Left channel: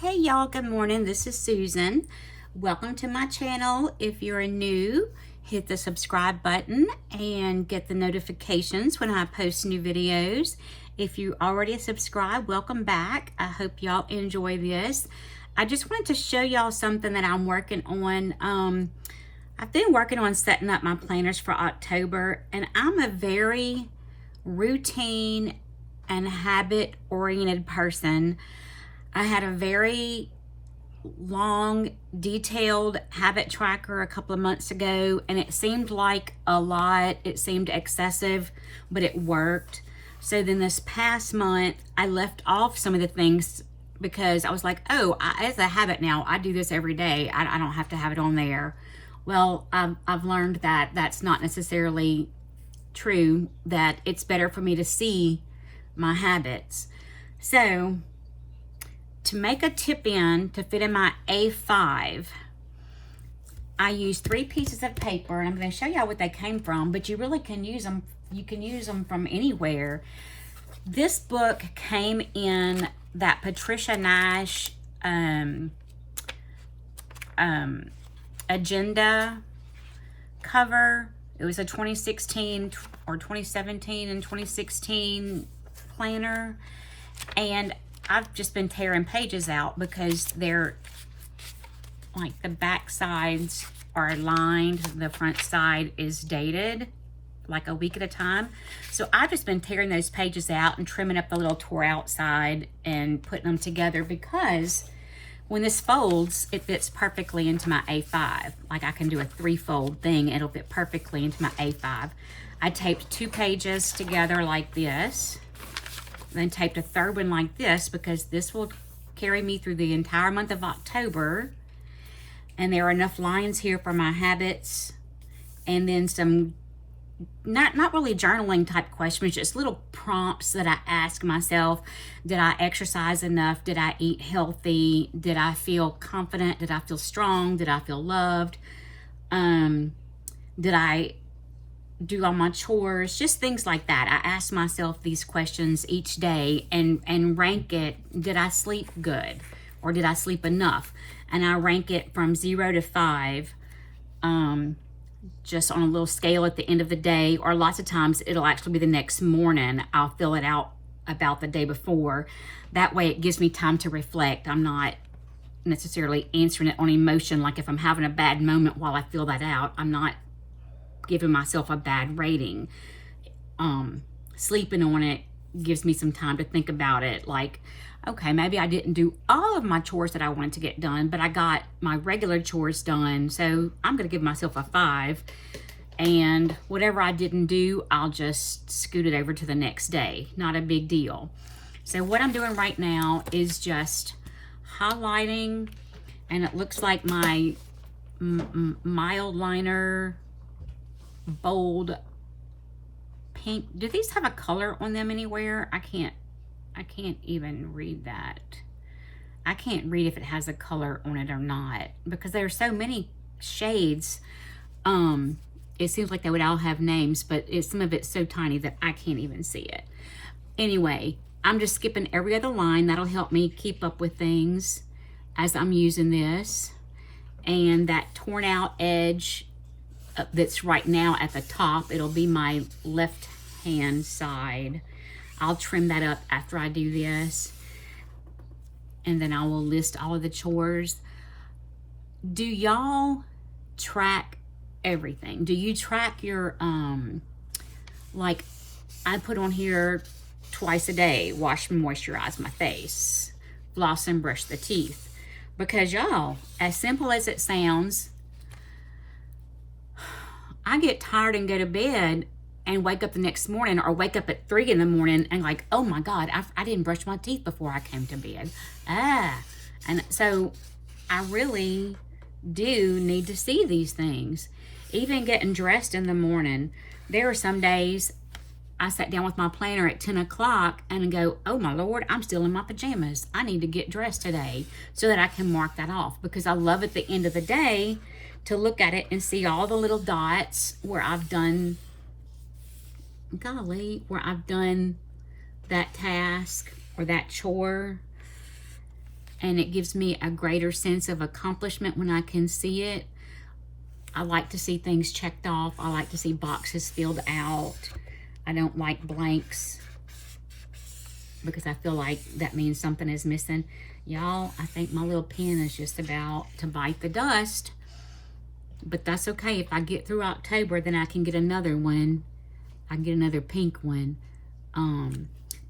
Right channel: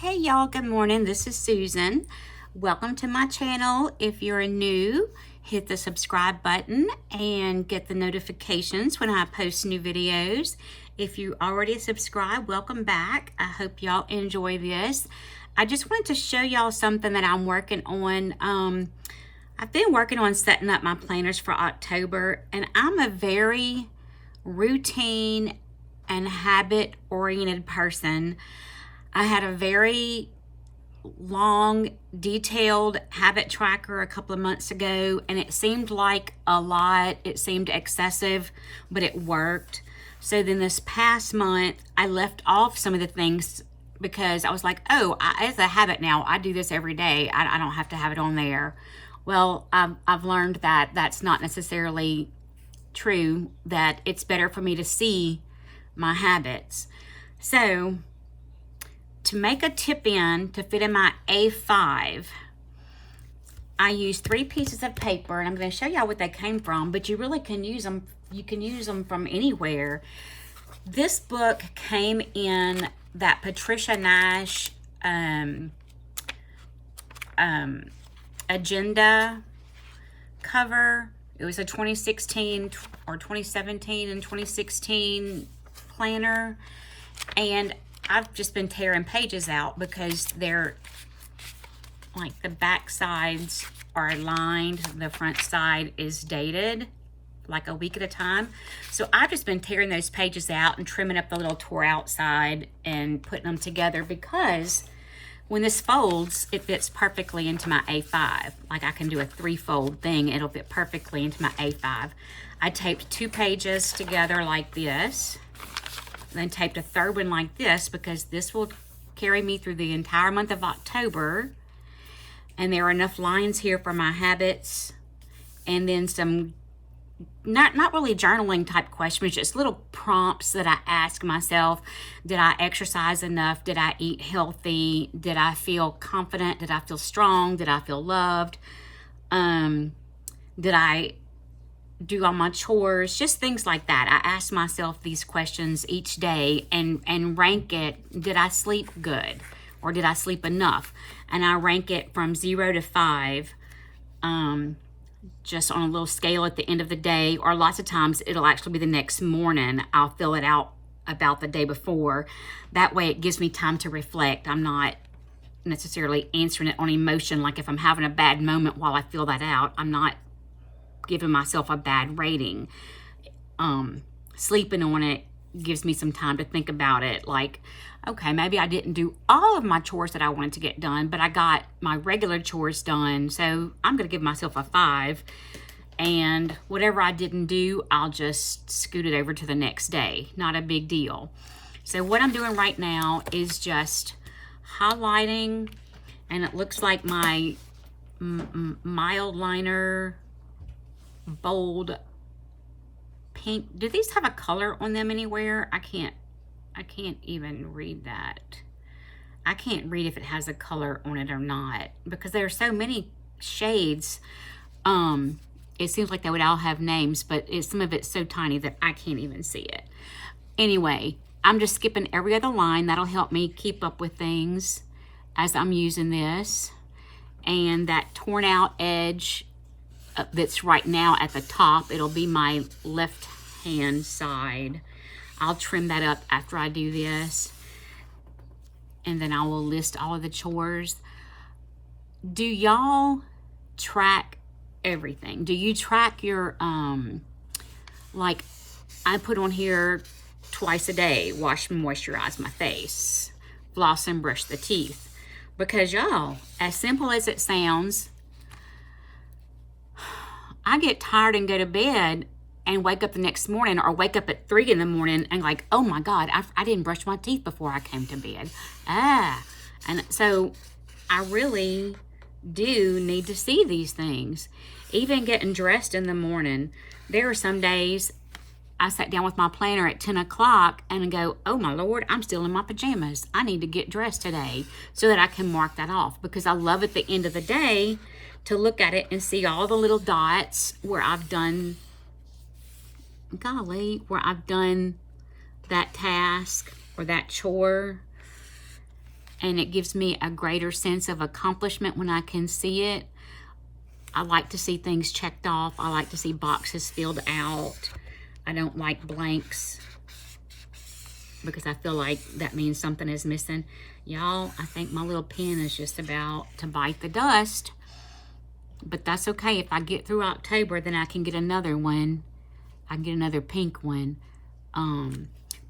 Hey y'all, good morning. This is Susan. Welcome to my channel. If you're new, hit the subscribe button and get the notifications when I post new videos. If you already subscribed, welcome back. I hope y'all enjoy this. I just wanted to show y'all something that I'm working on. I've been working on setting up my planners for October, and I'm a very routine and habit-oriented person. I had a very long, detailed habit tracker a couple of months ago, and it seemed like a lot. It seemed excessive, but it worked. So then this past month, I left off some of the things because I was like, oh, it's a habit now. I do this every day. I don't have to have it on there. Well, I've learned that that's not necessarily true, that it's better for me to see my habits. So to make a tip in to fit in my A5, I use 3 pieces of paper, and I'm going to show y'all what they came from, but you really can use them. You can use them from anywhere. This book came in that Patricia Nash agenda cover. It was a 2016 or 2017 and 2016 planner, and I've just been tearing pages out because they're like the back sides are lined, the front side is dated like a week at a time. So I've just been tearing those pages out and trimming up the little tore out side and putting them together, because when this folds, it fits perfectly into my A5. Like I can do a 3-fold thing, it'll fit perfectly into my A5. I taped 2 pages together like this, then taped a 3rd one like this, because this will carry me through the entire month of October. And there are enough lines here for my habits, and then some not really journaling type questions, just little prompts that I ask myself. Did I exercise enough? Did I eat healthy? Did I feel confident? Did I feel strong? Did I feel loved? Did I do all my chores? Just things like that. I ask myself these questions each day and rank it. Did I sleep good, or did I sleep enough? And I rank it from 0 to 5, just on a little scale at the end of the day, or lots of times it'll actually be the next morning. I'll fill it out about the day before. That way it gives me time to reflect. I'm not necessarily answering it on emotion. Like if I'm having a bad moment while I fill that out, I'm not giving myself a bad rating. Sleeping on it gives me some time to think about it. Like, okay, maybe I didn't do all of my chores that I wanted to get done, but I got my regular chores done, so I'm gonna give myself a 5. And whatever I didn't do, I'll just scoot it over to the next day. Not a big deal. So what I'm doing right now is just highlighting, and it looks like my mild liner bold pink. Do these have a color on them anywhere? I can't even read that. I can't read if it has a color on it or not, because there are so many shades. It seems like they would all have names, but some of it's so tiny that I can't even see it. Anyway, I'm just skipping every other line. That'll help me keep up with things as I'm using this. And that torn out edge that's right now at the top, it'll be my left hand side. I'll trim that up after I do this, and then I will list all of the chores. Do y'all track everything? Do you track your like I put on here twice a day, wash and moisturize my face, floss and brush the teeth? Because y'all, as simple as it sounds, I get tired and go to bed and wake up the next morning, or wake up at 3 in the morning and like, oh my God, I didn't brush my teeth before I came to bed. And so I really do need to see these things. Even getting dressed in the morning, there are some days I sat down with my planner at 10 o'clock and go, oh my Lord, I'm still in my pajamas. I need to get dressed today, so that I can mark that off, because I love at the end of the day to look at it and see all the little dots where I've done, where I've done that task or that chore. and it gives me a greater sense of accomplishment when I can see it. I like to see things checked off. I like to see boxes filled out. I don't like blanks because I feel like that means something is missing. Y'all, I think my little pen is just about to bite the dust, but that's okay. If I get through October, then I can get another one. I can get another pink one.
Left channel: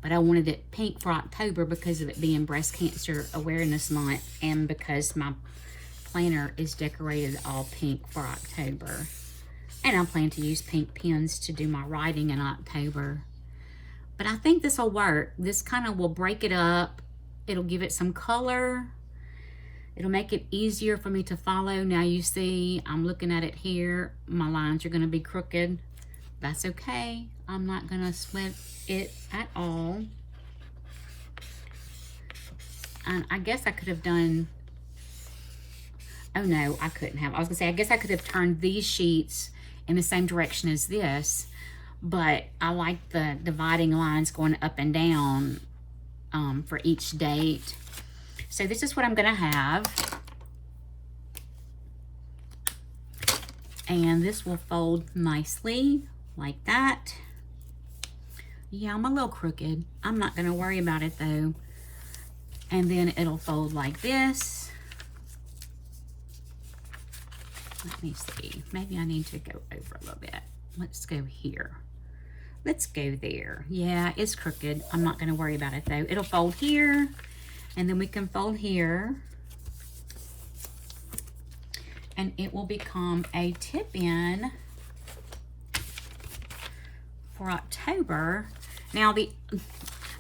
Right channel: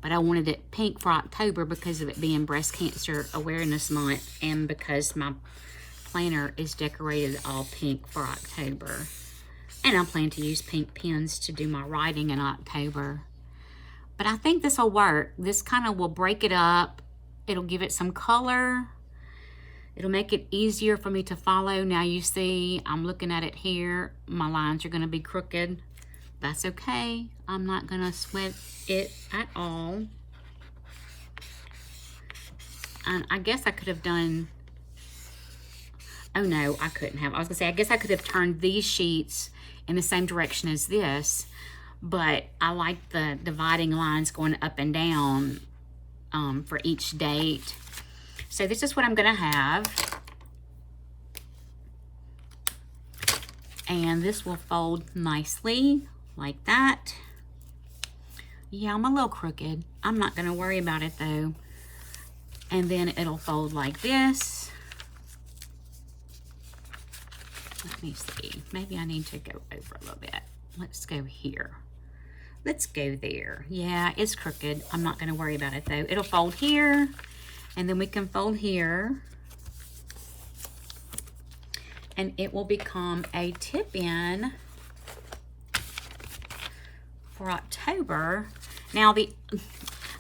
But I wanted it pink for October because of it being Breast Cancer Awareness Month, and because my planner is decorated all pink for October. And I plan to use pink pens to do my writing in October. But I think this will work. This kind of will break it up. It'll give it some color. It'll make it easier for me to follow. Now you see, I'm looking at it here. My lines are going to be crooked. That's okay. I'm not going to sweat it at all. And I guess I could have done... Oh no, I couldn't have. I was going to say, I guess I could have turned these sheets in the same direction as this. But I like the dividing lines going up and down for each date. So this is what I'm going to have. And this will fold nicely like that. Yeah, I'm a little crooked. I'm not going to worry about it though. And then it'll fold like this. Let me see. Maybe I need to go over a little bit. Let's go here. Let's go there. Yeah, it's crooked. I'm not going to worry about it though. It'll fold here. And then we can fold here. And it will become a tip-in for October. Now,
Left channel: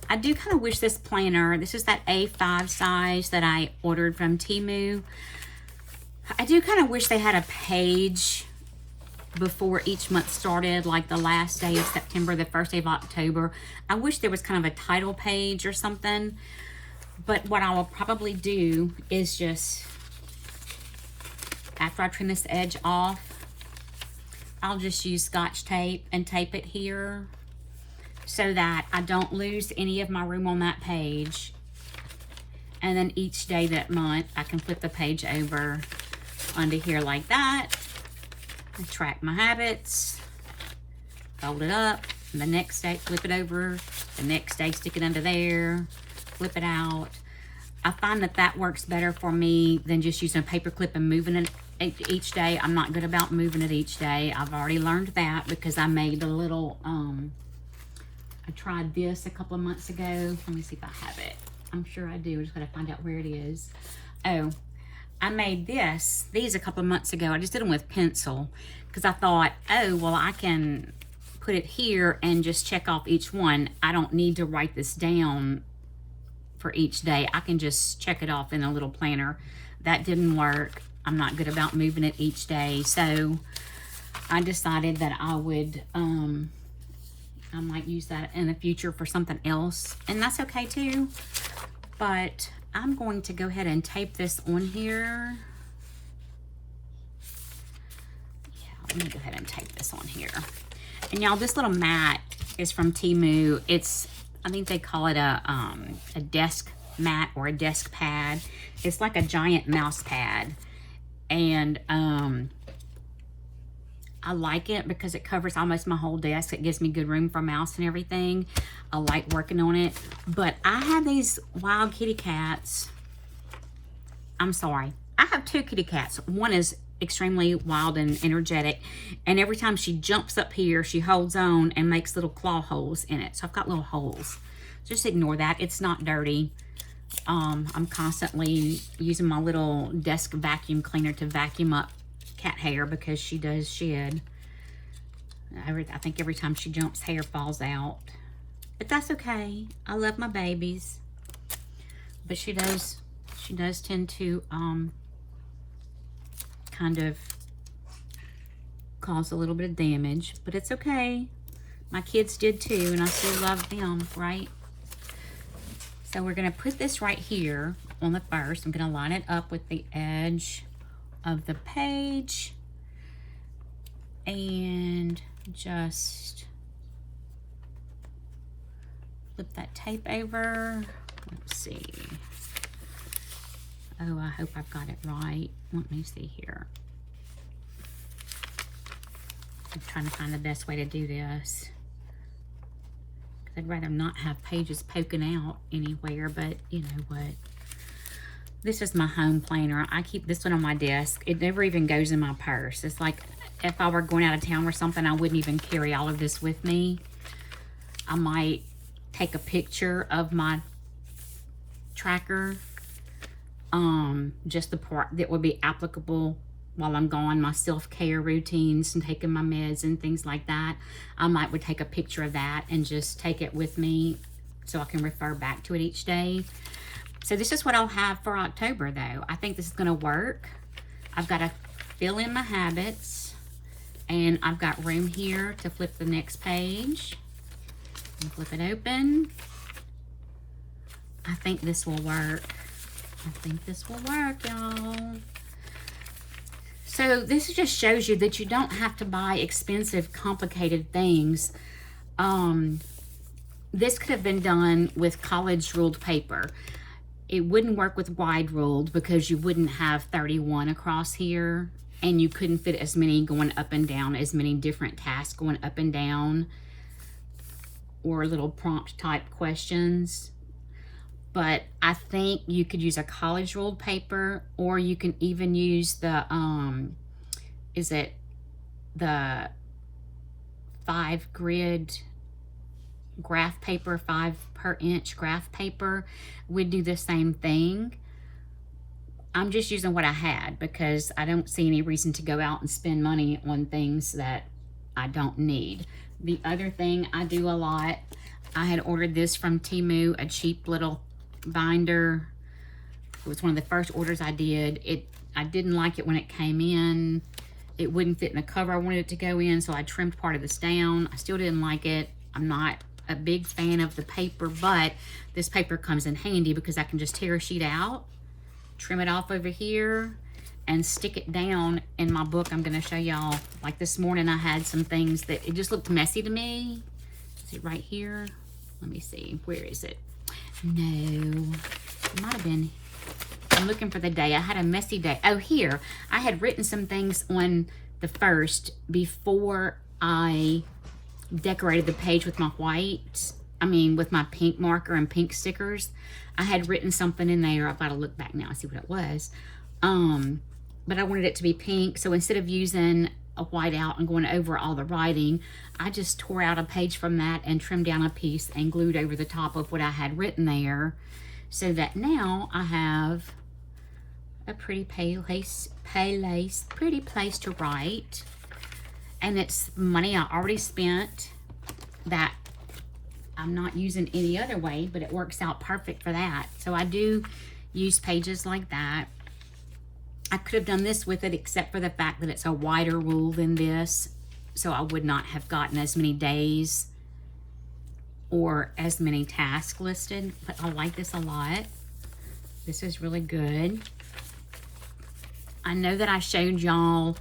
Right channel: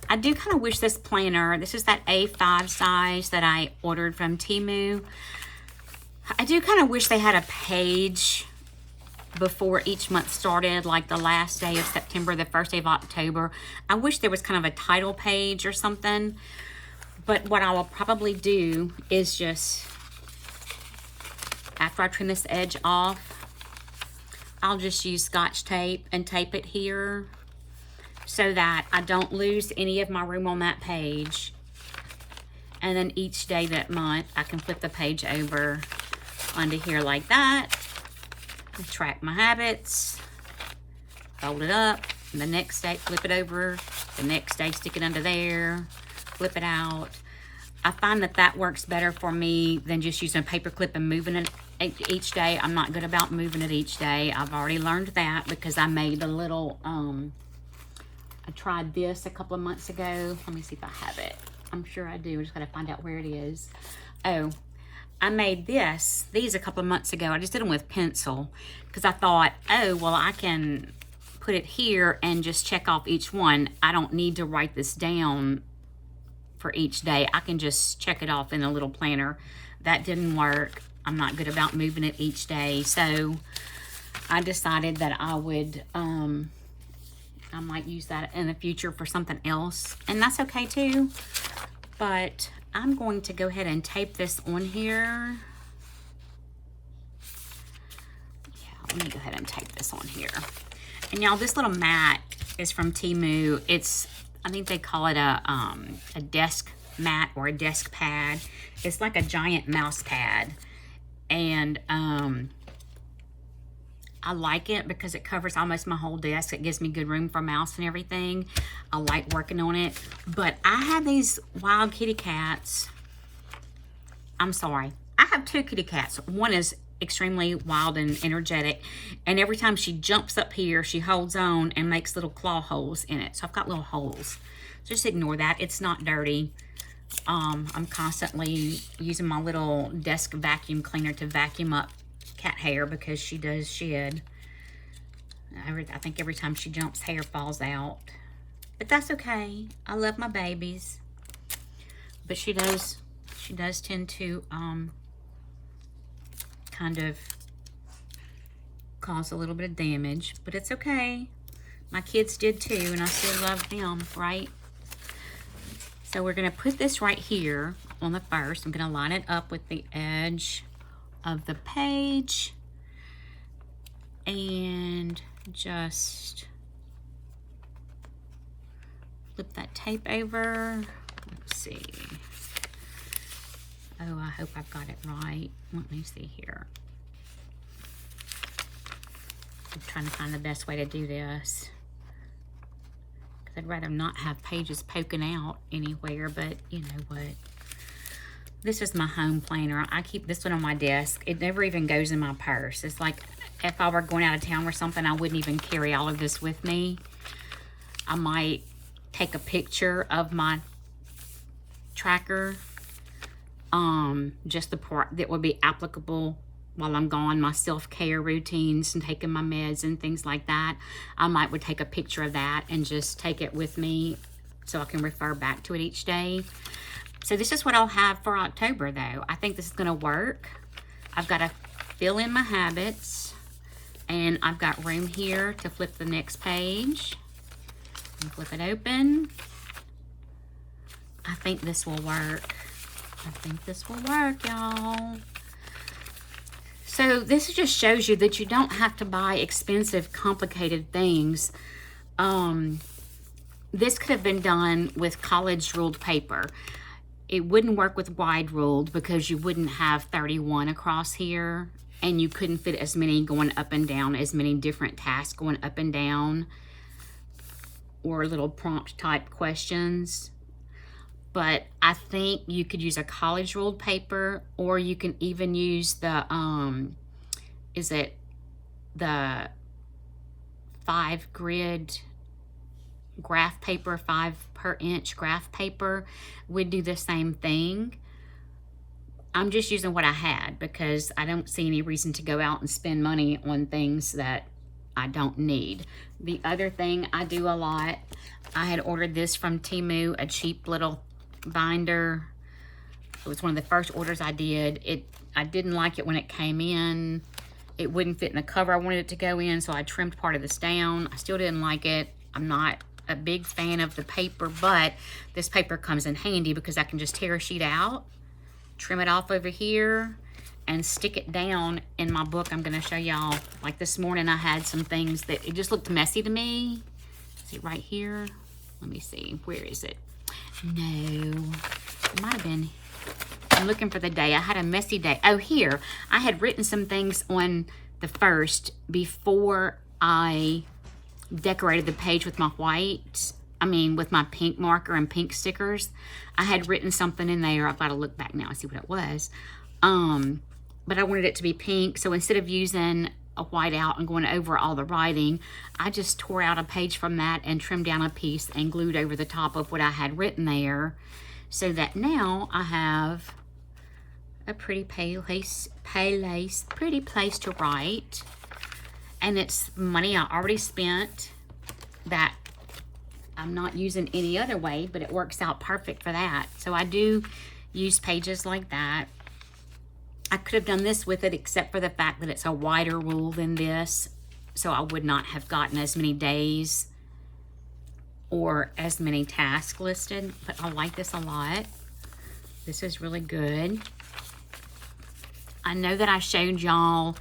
I do kind of wish this planner, this is that A5 size that I ordered from Temu. I do kind of wish they had a page before each month started, like the last day of September, the first day of October. I wish there was kind of a title page or something. But what I will probably do is just, after I trim this edge off, I'll just use Scotch tape and tape it here so that I don't lose any of my room on that page. And then each day that month, I can flip the page over onto here like that. And track my habits, fold it up, and the next day flip it over, the next day stick it under there, flip it out. I find that that works better for me than just using a paper clip and moving it each day. I'm not good about moving it each day. I've already learned that because I made a little, I tried this a couple of months ago. Let me see if I have it. I'm sure I do. I just got to find out where it is. Oh, I made these a couple of months ago. I just did them with pencil because I thought, oh, well, I can put it here and just check off each one. I don't need to write this down for each day. I can just check it off in a little planner. That didn't work. I'm not good about moving it each day. So I decided that I would, I might use that in the future for something else. And that's okay too. But I'm going to go ahead and tape this on here. Yeah, let me go ahead and tape this on here. And y'all, this little mat is from Temu. It's, I think they call it a desk mat or a desk pad. It's like a giant mouse pad. And I like it because it covers almost my whole desk. It gives me good room for a mouse and everything. I like working on it. But I have these wild kitty cats. I'm sorry. I have two kitty cats. One is extremely wild and energetic. And every time she jumps up here, she holds on and makes little claw holes in it. So I've got little holes. Just ignore that. It's not dirty. I'm constantly using my little desk vacuum cleaner to vacuum up cat hair because she does shed. I think every time she jumps, hair falls out. But that's okay. I love my babies. But she does tend to kind of cause a little bit of damage. But it's okay. My kids did too, and I still love them, right? So we're going to put this right here on the first. I'm going to line it up with the edge of the page and just flip that tape over. Let's see. Oh, I hope I've got it right. Let me see here. I'm trying to find the best way to do this. I'd rather not have pages poking out anywhere, but you know what? This is my home planner. I keep this one on my desk. It never even goes in my purse. It's like if I were going out of town or something, I wouldn't even carry all of this with me. I might take a picture of my tracker, just the part that would be applicable while I'm gone, my self-care routines and taking my meds and things like that. I would take a picture of that and just take it with me so I can refer back to it each day. So this is what I'll have for October though. I think this is gonna work. I've got to fill in my habits, and I've got room here to flip the next page and flip it open. I think this will work. I think this will work, y'all. So this just shows you that you don't have to buy expensive, complicated things. This could have been done with college ruled paper. It wouldn't work with wide ruled because you wouldn't have 31 across here, and you couldn't fit as many going up and down, as many different tasks going up and down, or little prompt type questions. But I think you could use a college ruled paper, or you can even use the, is it the 5 grid graph paper, 5 per inch graph paper? Would do the same thing. I'm just using what I had because I don't see any reason to go out and spend money on things that I don't need. The other thing I do a lot, I had ordered this from Temu, a cheap little binder. It was one of the first orders I did. I didn't like it when it came in. It wouldn't fit in the cover I wanted it to go in, so I trimmed part of this down. I still didn't like it. I'm not a big fan of the paper, but this paper comes in handy because I can just tear a sheet out, trim it off over here, and stick it down in my book. I'm going to show y'all. Like this morning, I had some things that it just looked messy to me. Is it right here? Let me see. Where is it? No, it might have been. I'm looking for the day. I had a messy day. Oh, here. I had written some things on the first before I decorated the page with my with my pink marker and pink stickers. I had written something in there. I've got to look back now and see what it was. But I wanted it to be pink. So instead of using a whiteout and going over all the writing, I just tore out a page from that and trimmed down a piece and glued over the top of what I had written there, so that now I have a pretty pretty place to write. And it's money I already spent that I'm not using any other way, but it works out perfect for that. So I do use pages like that. I could have done this with it, except for the fact that it's a wider rule than this, so I would not have gotten as many days or as many tasks listed. But I like this a lot. This is really good. I know that I showed y'all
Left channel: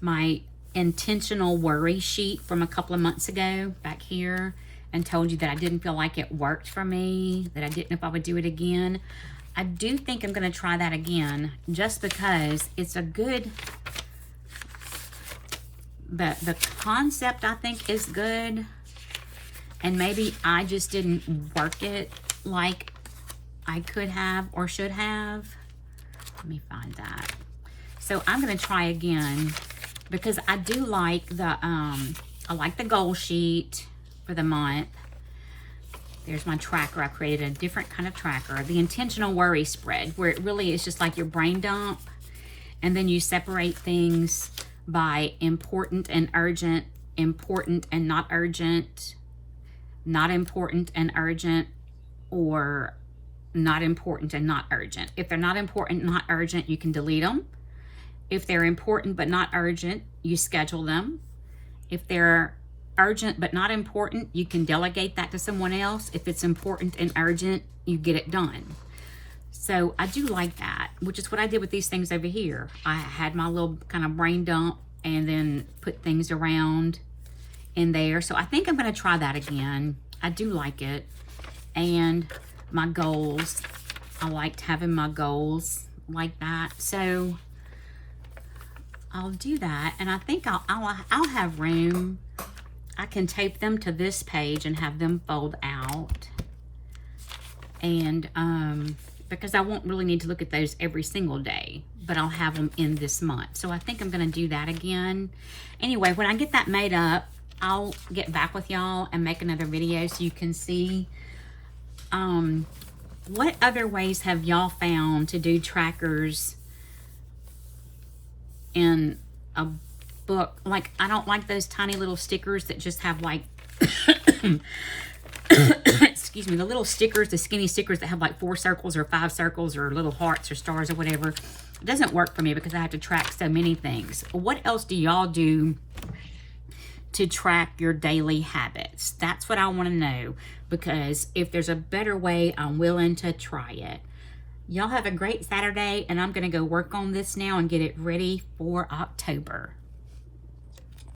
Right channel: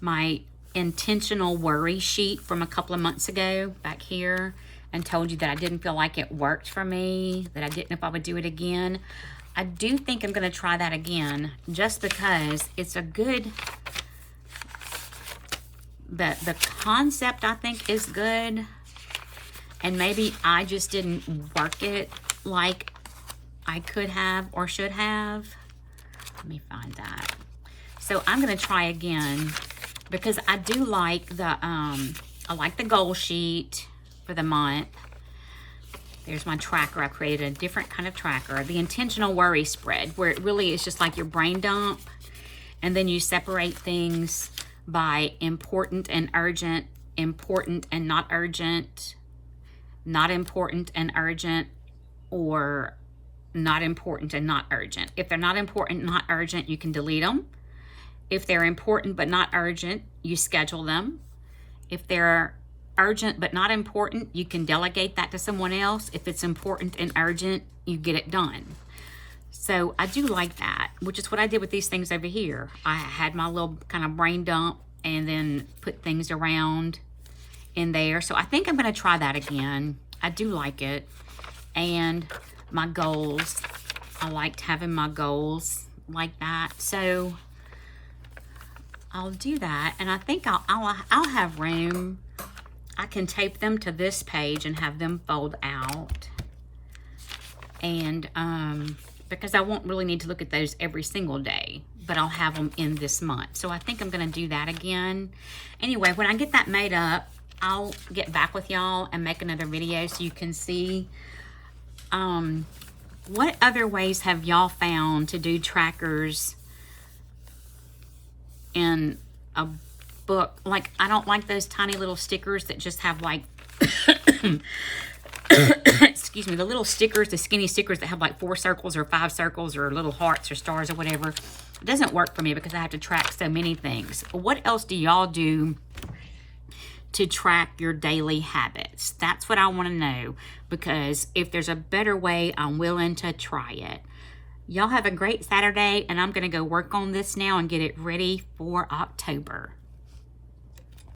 my intentional worry sheet from a couple of months ago back here and told you that I didn't feel like it worked for me, that I didn't know if I would do it again. I do think I'm going to try that again, just because it's a good, the concept I think is good, and maybe I just didn't work it like I could have or should have. Let me find that. So I'm going to try again, because I do like the, I like the goal sheet for the month. There's my tracker. I created a different kind of tracker. The intentional worry spread, where it really is just like your brain dump. And then you separate things by important and urgent, important and not urgent, not important and urgent, or not important and not urgent. If they're not important, not urgent, you can delete them. If they're important but not urgent, you schedule them. If they're urgent but not important, you can delegate that to someone else. If it's important and urgent, you get it done. So I do like that, which is what I did with these things over here. I had my little kind of brain dump and then put things around in there. So I think I'm going to try that again. I do like it. And my goals, I liked having my goals like that. So I'll do that, and I think I'll have room. I can tape them to this page and have them fold out. And because I won't really need to look at those every single day, but I'll have them in this month. So I think I'm going to do that again. Anyway, when I get that made up, I'll get back with y'all and make another video so you can see what other ways have y'all found to do trackers in a book. Like, I don't like those tiny little stickers that just have like excuse me, the little stickers, the skinny stickers that have like 4 circles or 5 circles or little hearts or stars or whatever. It doesn't work for me because I have to track so many things. What else do y'all do to track your daily habits? That's what I want to know, because if there's a better way, I'm willing to try it. Y'all have a great Saturday, and I'm going to go work on this now and get it ready for October.